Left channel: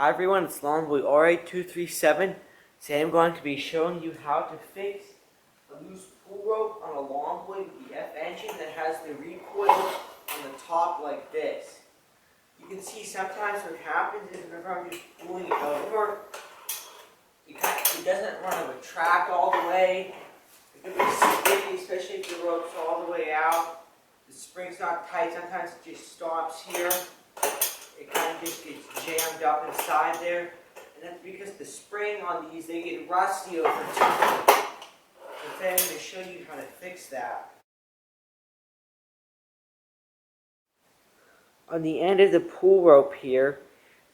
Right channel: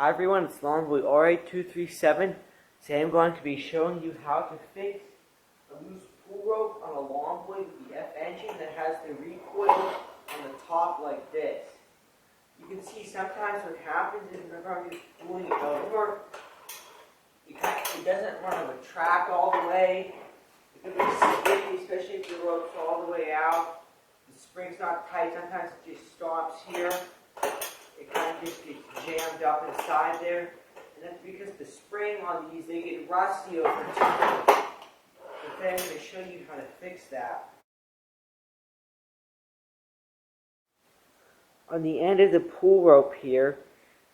Hi everyone, it's Longboy RA237. Today I'm going to be showing you how to fix a loose pull rope on a Longboy with the F engine that has the recoil on the top like this. You can see sometimes what happens is whenever I'm just pulling it over, it doesn't run a track all the way. It can be sticky, especially if the rope's all the way out. The spring's not tight, sometimes it just stops here. It kind of just gets jammed up inside there. And that's because the spring on these, they get rusty over time. So today I'm going to show you how to fix that. On the end of the pull rope here,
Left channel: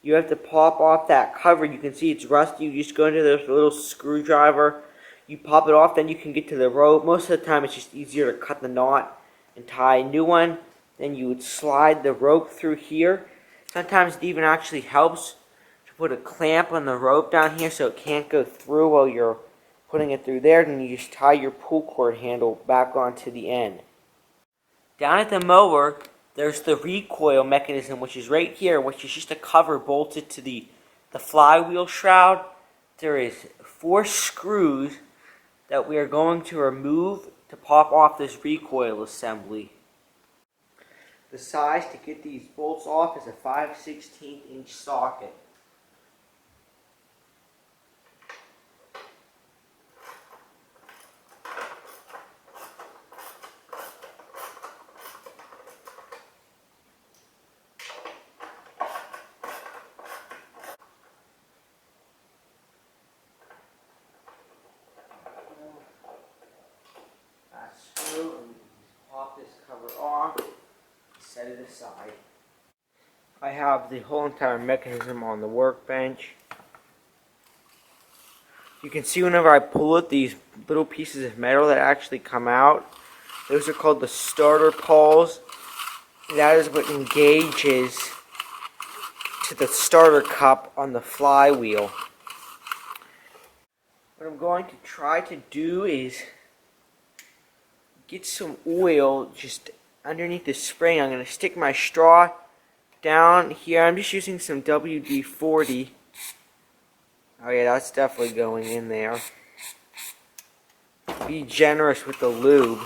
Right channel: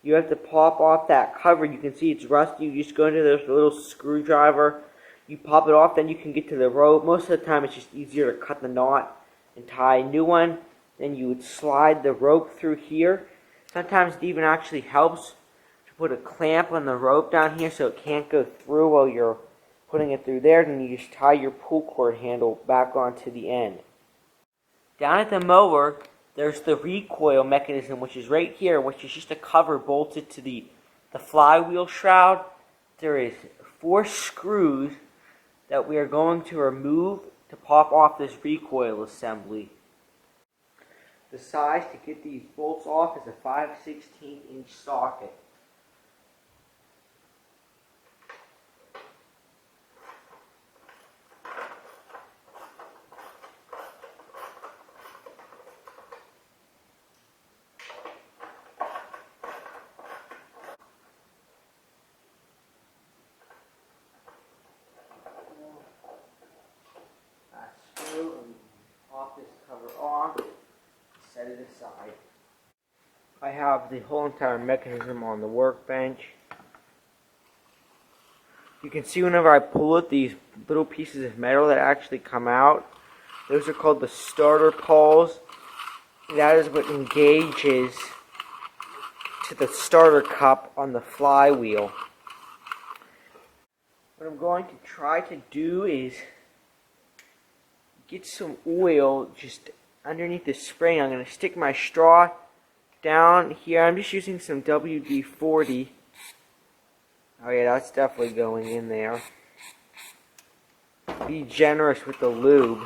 you have to pop off that cover. You can see it's rusty. You just go into this little screwdriver. You pop it off, then you can get to the rope. Most of the time it's just easier to cut the knot and tie a new one. Then you would slide the rope through here. Sometimes it even actually helps to put a clamp on the rope down here so it can't go through while you're putting it through there. Then you just tie your pull cord handle back onto the end. Down at the mower, there's the recoil mechanism, which is right here, which is just a cover bolted to the flywheel shroud. There is 4 screws that we are going to remove to pop off this recoil assembly. The size to get these bolts off is a 5/16 inch socket. Pass through and pop this cover off. Set it aside. I have the whole entire mechanism on the workbench. You can see whenever I pull it, these little pieces of metal that actually come out. Those are called the starter pawls. That is what engages to the starter cup on the flywheel. What I'm going to try to do is get some oil just underneath the spring. I'm going to stick my straw down here. I'm just using some WD-40. Oh yeah, that's definitely going in there. Be generous with the lube.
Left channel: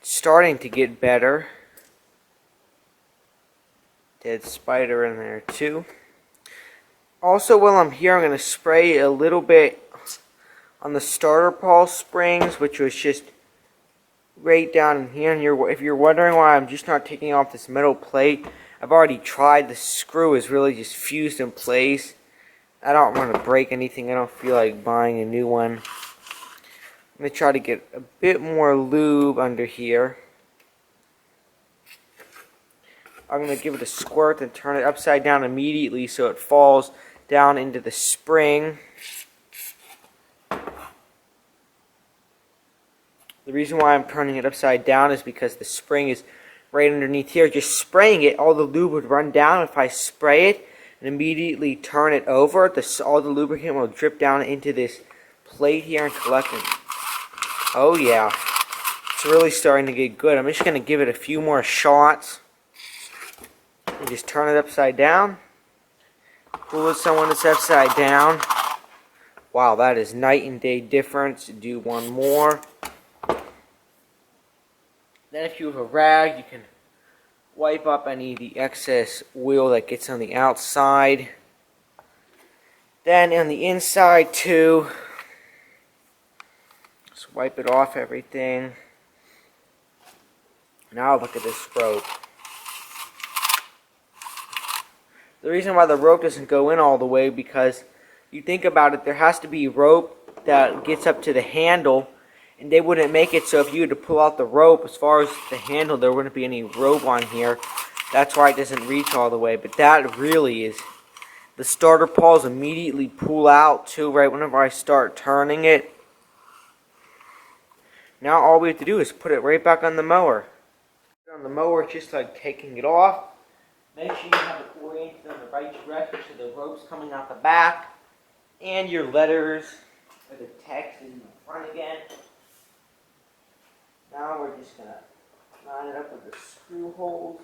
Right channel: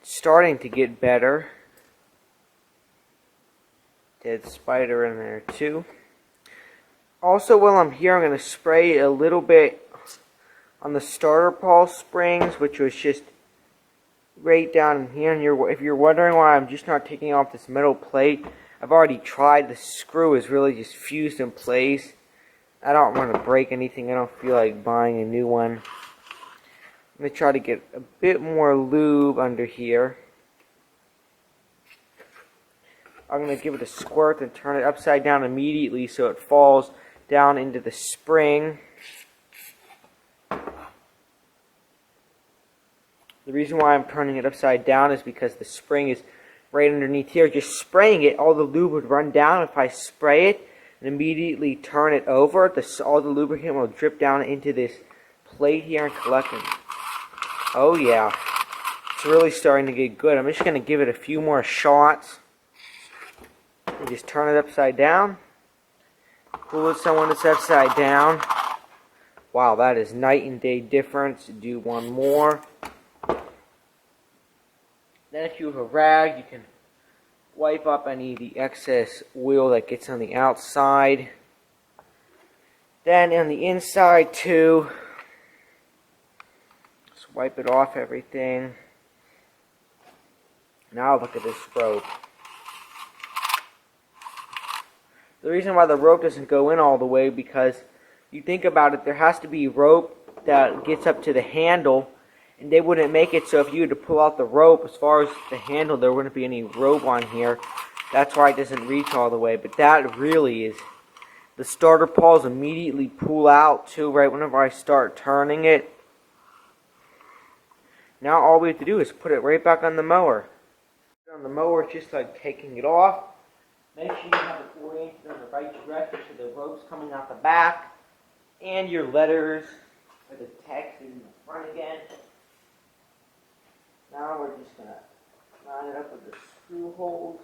It's starting to get better. Dead spider in there too. Also, while I'm here, I'm going to spray a little bit on the starter pawl springs, which was just right down in here. And if you're wondering why I'm just not taking off this metal plate, I've already tried. The screw is really just fused in place. I don't want to break anything. I don't feel like buying a new one. I'm going to try to get a bit more lube under here. I'm going to give it a squirt and turn it upside down immediately so it falls down into the spring. The reason why I'm turning it upside down is because the spring is right underneath here. Just spraying it, all the lube would run down. If I spray it and immediately turn it over, all the lubricant will drip down into this plate here and collect it. Oh yeah, it's really starting to get good. I'm just going to give it a few more shots. And just turn it upside down. Pull it someone that's upside down. Wow, that is night and day difference. Do one more. Then if you have a rag, you can wipe up any of the excess oil that gets on the outside. Then on the inside too, just wipe it off everything. Now look at this rope. The reason why the rope doesn't go in all the way, because you think about it, there has to be rope that gets up to the handle, and they wouldn't make it so if you had to pull out the rope, as far as the handle, there wouldn't be any rope on here. That's why it doesn't reach all the way. But that really is, the starter pawls immediately pull out too, right whenever I start turning it. Now all we have to do is put it right back on the mower. On the mower, it's just like taking it off. Make sure you have it oriented in the right direction so the rope's coming out the back. And your letters with the text in the front again. Now we're just going to line it up with the screw holes.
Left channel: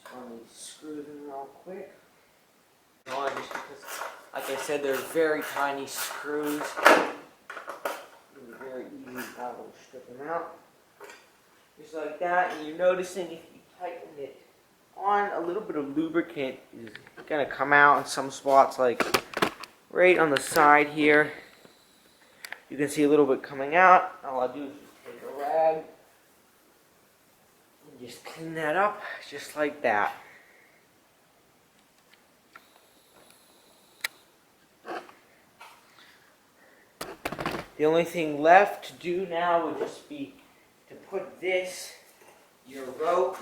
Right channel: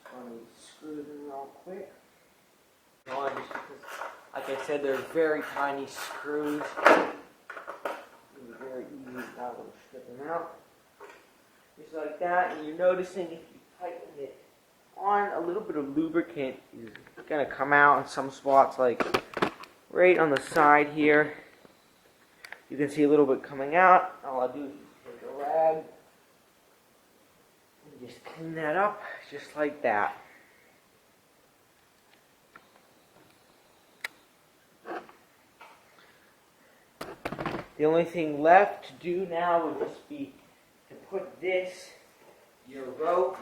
Just run these screws in real quick. Just because, like I said, they're very tiny screws. Very easy to now strip them out. Just like that, and you're noticing if you tighten it on, a little bit of lubricant is going to come out in some spots, like right on the side here. You can see a little bit coming out. All I'll do is just take a rag and just clean that up, just like that. The only thing left to do now would just be to put this, your rope,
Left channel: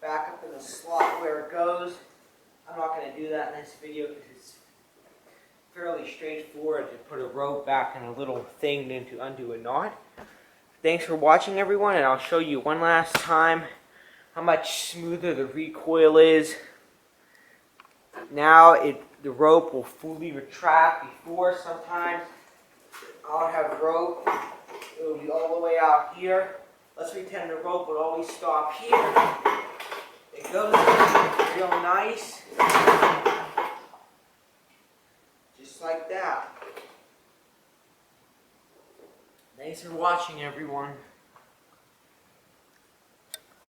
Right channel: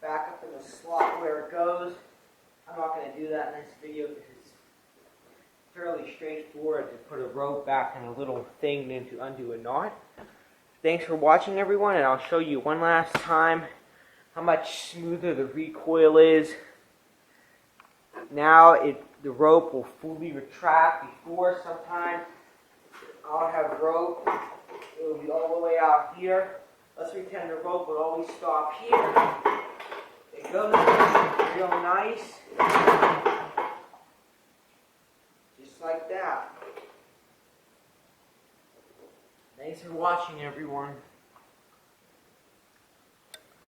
back up in the slot where it goes. I'm not going to do that in this video because it's fairly straightforward to put a rope back in a little thing then to undo a knot. Thanks for watching, everyone, and I'll show you one last time how much smoother the recoil is. Now the rope will fully retract. Before, sometimes I'll have rope, it will be all the way out here. Let's pretend the rope would always stop here. It goes real nice, just like that. Thanks for watching, everyone.